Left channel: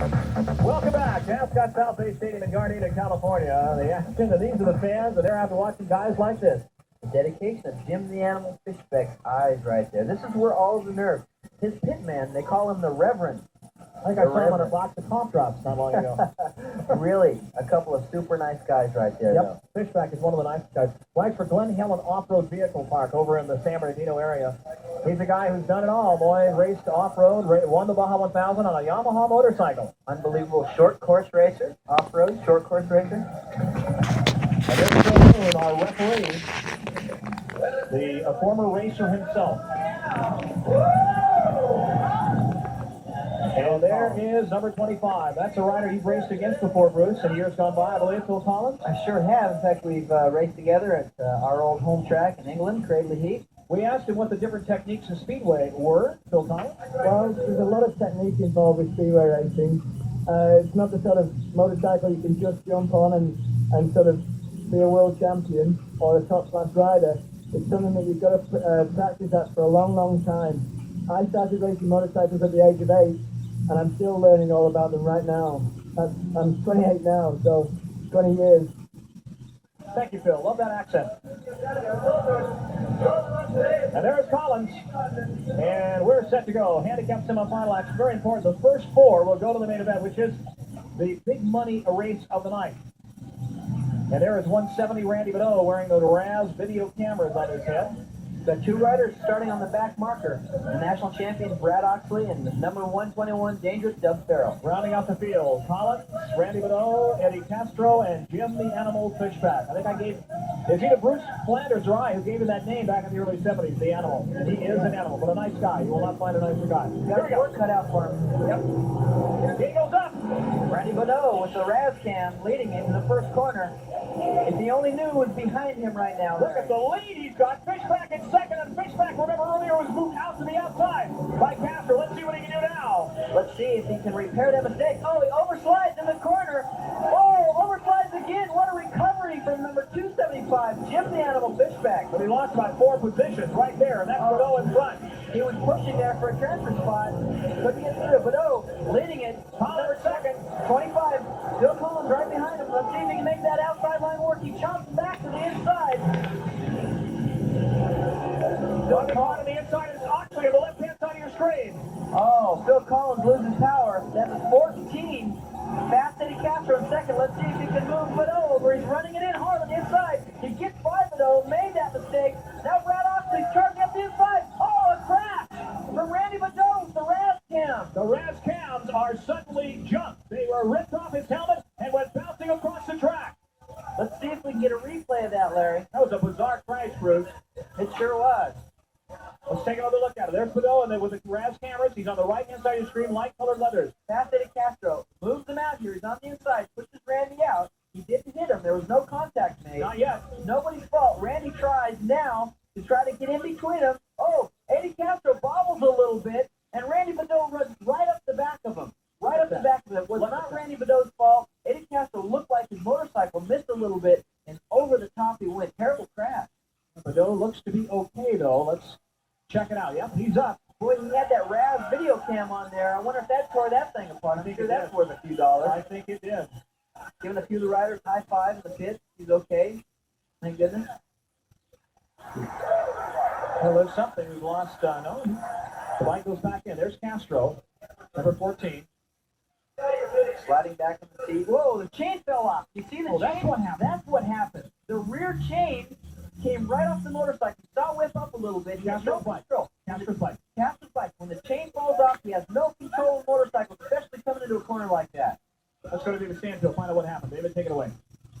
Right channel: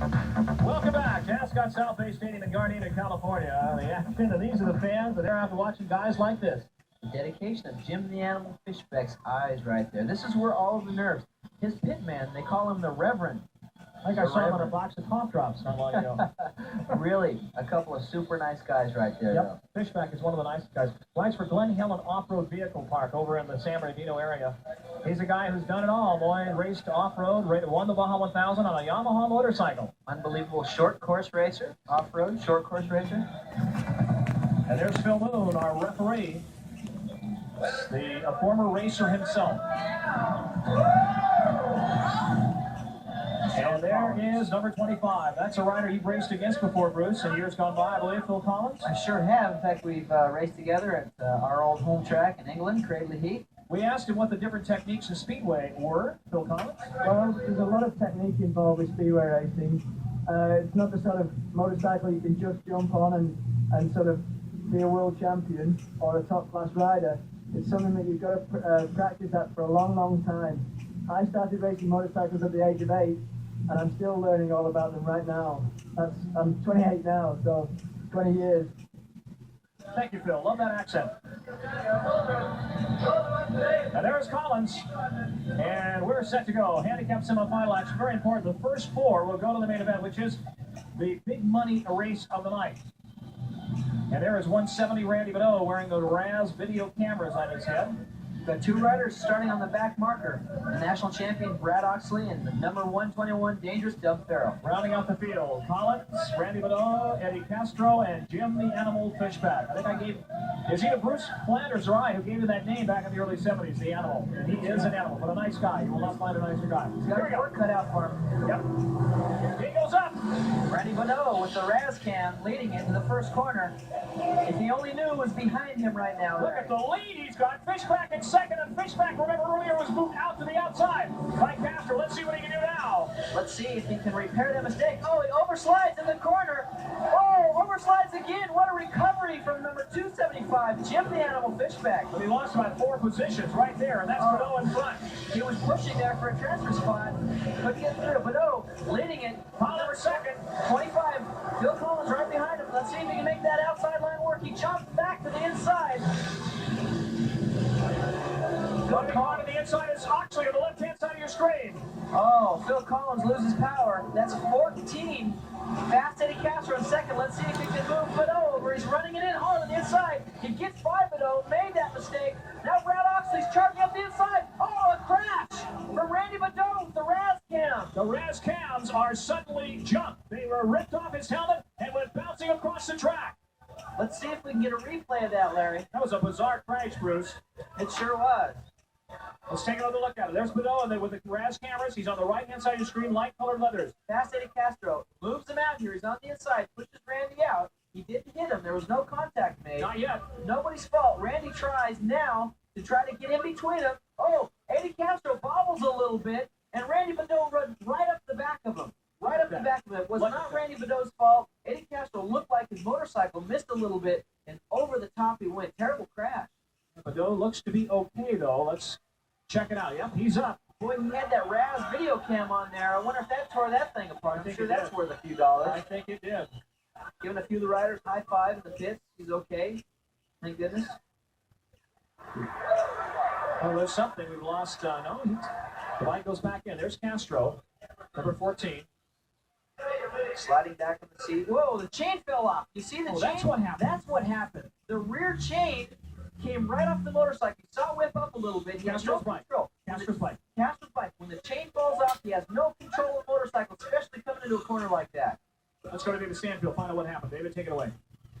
Welcome back to Ascot South Bay Stadium in Gardena, California. The action, and these are the fans, and they're out watching guys like this. The dedication of Jim the Animal Fishbeck's eyes right there. This is where all of the nerves. His pit man, they call him the Reverend. I think I saw him on a box of cough drops not long ago. Really, a couple of super nice guys right there. Yep, Fishbeck is one of the nicest guys. Flags for Glen Helen Off-Road Vehicle Park over in the San Bernardino area. He's a guy who's done it all, boy. Raced off-road, won the Baja 1000 on a Yamaha motorcycle. Unbelievable short course racer, off-road, short course racer. And there's Phil Moon, our referee, the former racer himself. And there is number 25. That's a rider you've raced against before, Bruce, in years gone by, I believe, Phil Collins? I sure have. In fact, we've raced together at our old home track in England, Cradley Heath. We asked him what the different techniques in Speedway were, Phil Collins. Well, there's a lot of technique involved with Speedway racing. It's not the sort of motorcycle you can just jump on and sort of be a world champion or a top-class rider. It's something that you've got to practice at for a long, long time. I started racing motorcycles at the age of 8. And I'm still learning all about them right now. I'm 28 now, so 20 years. Thank you, Phil. Love that accent. And there's Collins. And we're set to go. Handicap semifinal action. Very important. The first 4 will go to the main event, which is the big money race of the night. And there is 170 Randy Beddow wearing the Raz video cameras on his head. Got 2 riders starting on the back marker. The national champion Brad Oxley and the number 121 Dangerous Dub Farrell. Rounding out the field, Collins, Randy Beddow, Eddie Castro, and Jim the Animal Fishback. I think I gave, is either Bruce Flanders or I who gave him that name back in the early 70s, the Animal. And he is an animal, but a nice guy. You will not find a nicer guy. He's got his work cut out for him. Yep. He goes up. Randy Beddow with the Raz cam leading into the first corner. If he only knew who was behind him right now. Look at the lead he's got. Fishback in second, and Fishback, remember earlier, was moved out to the outside by Castro. Let's see what he can do now. Let's see if he can repair that mistake. Oh, he overslides in the corner. Oh, overslides again. What a recovery from number 275, Jim the Animal Fishback. But he lost about 4 positions right there, and that's Beddow in front. He was pushing there for a transfer spot. Couldn't get through. Beddow leading it. Collins second. 25. Phil Collins right behind him. Let's see if he can make that outside line work. He jumps back to the inside. Going on the inside is Oxley on the left-hand side of your screen. Oh, Phil Collins loses power. That's 14. Fast Eddie Castro in second. Let's see if he can move Beddow over. He's running it in hard on the inside. He gets by Beddow, made that mistake. Now Brad Oxley's charging up the inside. Oh, a crash from Randy Beddow with the Raz cam. The Raz cams are suddenly jumped. They were ripped off his helmet and went bouncing across the track. Let's see if we can get a replay of that, Larry. That was a bizarre crash, Bruce. It sure was. Let's take another look at it. There's Beddow, and then with the Raz cameras, he's on the right-hand side of the screen, light-colored leathers. Fast Eddie Castro moves him out here. He's on the inside, pushes Randy out. He didn't hit him. There was no contact made. Not yet. Nobody's fault. Randy tries now to try to get in between them. Oh, Eddie Castro bobbles a little bit, and Randy Beddow runs right up the back of him. Right up the back of him. It was not Randy Beddo's fault. Eddie Castro looked like his motorcycle missed a little bit, and over the top he went. Terrible crash. Beddow looks to be okay, though. Let's check it out. Yep, he's up. Boy, he had that Raz video cam on there. I wonder if that tore that thing apart. I'm sure that's worth a few dollars. I think it did. Giving a few of the riders high five in the pits. He's okay. Thank goodness. Well, there's something. We've lost. No, the light goes back in. There's Castro, number 14. Sliding back from the seat. Whoa, the chain fell off. You see the chain? That's what happened. That's what happened. The rear chain came right off the motorcycle. You saw it whip up a little bit. He has no control. Castro's bike. Castro's bike. When the chain falls off, he has no control of the motorcycle, especially coming into a corner like that. Let's go to David Stanfield, find out what happened. David, take it away.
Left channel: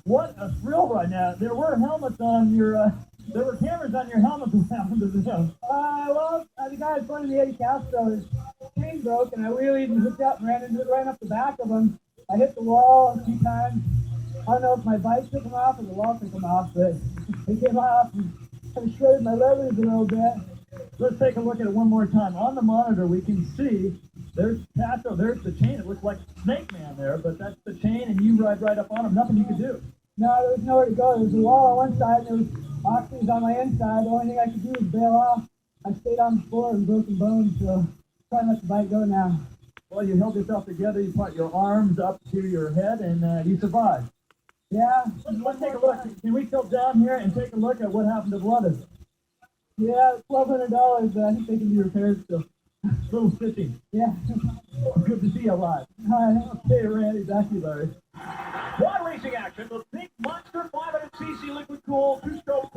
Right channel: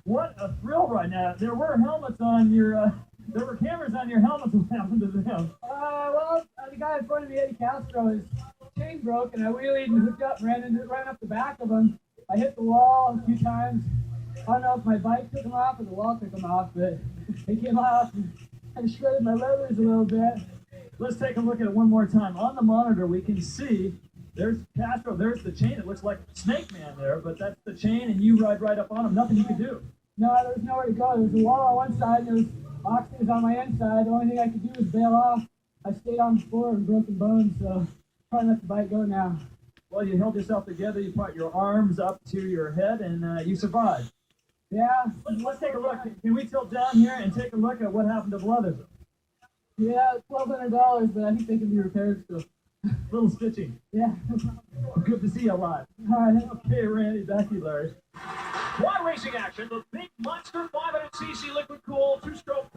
What a thrill right now. There were helmets on your, there were cameras on your helmet. What happened to them? Well, the guy in front of me, Eddie Castro, his chain broke, and I wheelied and hooked up and ran up the back of him. I hit the wall a few times. I don't know if my bike took him off or the wall took him off, but it came off and kind of shredded my levers a little bit. Let's take a look at it one more time. On the monitor, we can see there's Castro, there's the chain. It looks like Snake Man there, but that's the chain, and you ride right up on him. Nothing you can do. No, there was nowhere to go. There was a wall on one side, and there was boxes on my inside. The only thing I could do was bail off. I stayed on the floor and broken bones, so trying to let the bike go now. Well, you held yourself together, you brought your arms up to your head, and you survived. Yeah. Let's take a look. Can we tilt down here and take a look at what happened to Brothers? Yeah, $1,200, but I think they can be repaired still. Little stitching. Yeah. Good to see you alive. All right. Okay, Randy. Back to you, Larry. Quad racing action. The big monster 500cc liquid cooled two-stroke